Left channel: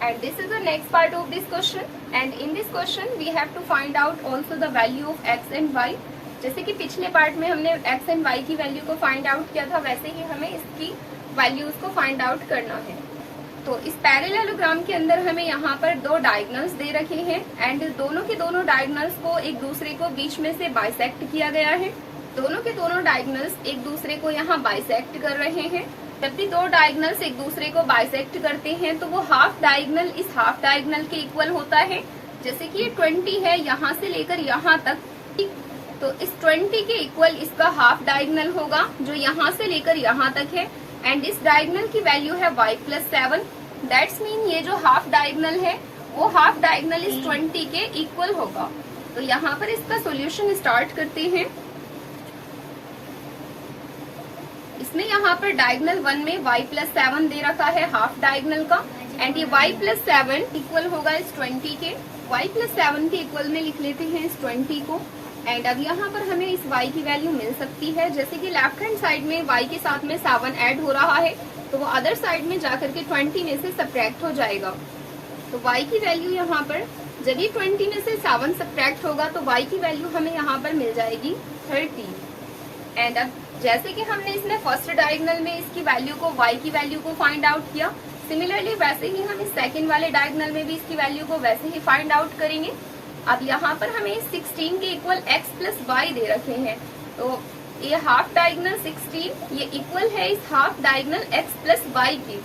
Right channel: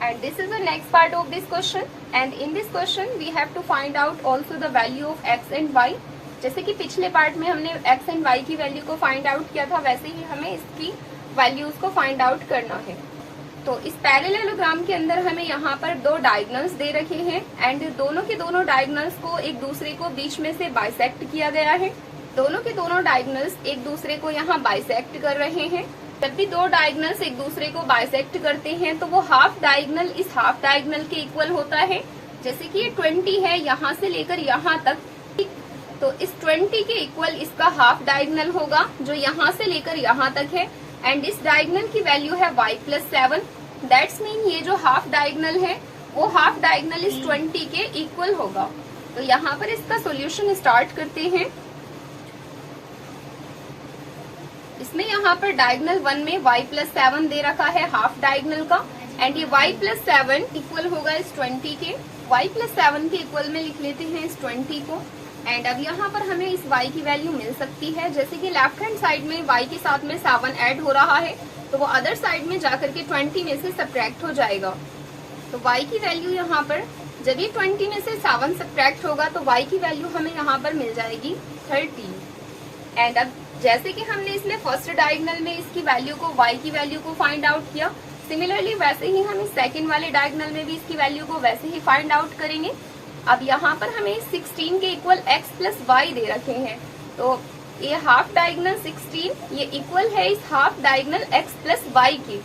And this is the next part of this question, and in this question we have to find out also the value of x and y. जैसे कि पिछले part में हमने x and y की value को find out किया था, वैसे ही हमें इसकी वैल्यूज को फाइंड आउट करना है। तो इस पैरेललोग्राम के अंदर हमें यहाँ पर दो डायगोनल्स दे रखे हैं एंड दोनों के दोनों डायगोनल्स को एक दूसरे को बीच में से बाइसेक्ट किया गया है। दोनों के दोनों डायगोनल्स एक दूसरे को यहाँ बाइसेक्ट कर रहे हैं। जब भी दो डायगोनल्स एक दूसरे को बाइसेक्ट करते हैं तो वो हाफ डायगोनल इस हाफ डायगोनल के इक्वल होता है। जैसे कि ये 20 है यहाँ से लेकर यहाँ तक, तो इस 20 के इक्वल इसका हाफ डायगोनल होगा जो यहाँ से लेकर यहाँ तक है। एंड इस डायगोनल की वैल्यू है y+7। दैट्स मीन ये जो हाफ डायगोनल है वो हाफ डायगोनल इस 20 के इक्वल होगा। तो यहाँ पर इसका सॉल्यूशन स्टार्ट करते हैं। इसमें यहाँ पर डायगोनल 1 में y+7 दे रखा है हाफ डायगोनल का, एंड ये y+7 इक्वल होगा इस 20 के। y+7 के इक्वल में लिख लेते हैं इस 20 को। एंड अब यहाँ पर हमें इस y की वैल्यू मिल सकती है। जैसे कि लेफ्ट हैंड साइड में y के साथ में 7 ऐड हो रहा है तो वो अदर साइड में जाकर के 20 में से सब्ट्रैक्ट हो जाएगा। तो y की वैल्यू यहाँ पर जब भी 20 में से 7 सब्ट्रैक्ट होगा तो y की वैल्यू हमें यहाँ पर मिल जाएगी 13। एंड अब जैसे कि हमने इसमें फर्स्ट डायगोनल में इसकी वैल्यू को y की वैल्यू को फाइंड आउट किया, सिमिलरली वैसे ही हम इस सेकंड वाले डायगोनल में भी इसकी वैल्यू को वैसे ही फाइंड आउट करेंगे। अब यहाँ पर हमें 16 के इक्वल x+y दे रखे हैं, तो ये हाफ डायगोनल 16 ये इक्वल है इस हाफ डायगोनल x+y के।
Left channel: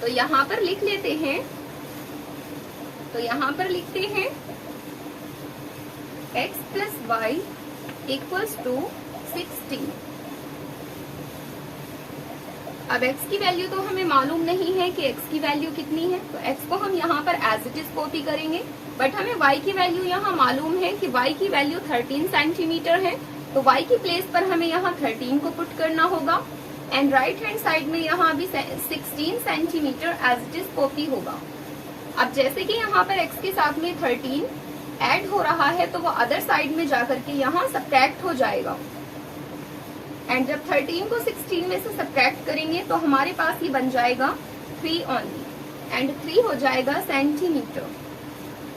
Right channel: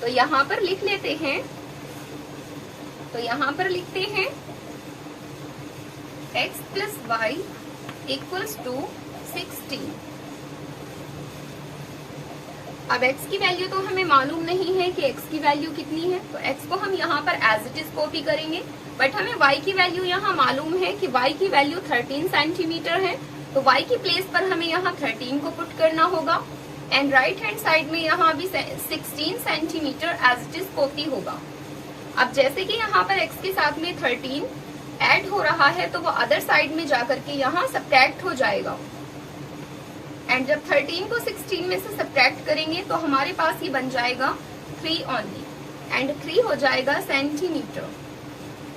तो यहाँ पर लिख लेते हैं, तो यहाँ पर लिखते हैं x+y इक्वल्स टू 16। अब x की वैल्यू तो हमें मालूम नहीं है कि x की वैल्यू कितनी है, तो x को हम यहाँ पर एज इट इज कॉपी करेंगे। बट हमें y की वैल्यू यहाँ मालूम है कि y की वैल्यू 13 सेंटीमीटर है, तो y की प्लेस पर हमें यहाँ 13 को पुट करना होगा। एंड राइट हैंड साइड में यहाँ भी 16 centimetre as it is copy होगा। अब जैसे कि यहाँ पर x के साथ में 13 ऐड हो रहा है तो वो अदर साइड में जाकर के यहाँ सब्ट्रैक्ट हो जाएगा। एंड जब 13 को 16 में से सब्ट्रैक्ट करेंगे तो हमारे पास ये बन जाएगा 3 ओनली, एंड 3 हो जाएगा सेंटीमीटर।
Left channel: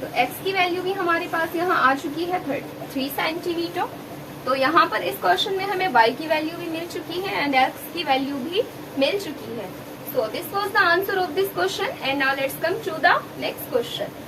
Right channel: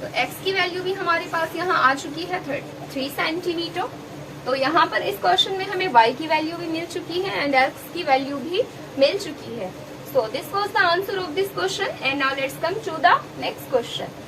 तो x की वैल्यू भी हमारे पास यहाँ आ चुकी है 3 सेंटीमीटर। तो यहाँ पर इस क्वेश्चन में हमें y की वैल्यू भी मिल चुकी है एंड x की वैल्यू भी मिल चुकी है। So this was the answer of this question and now let's come to the next question.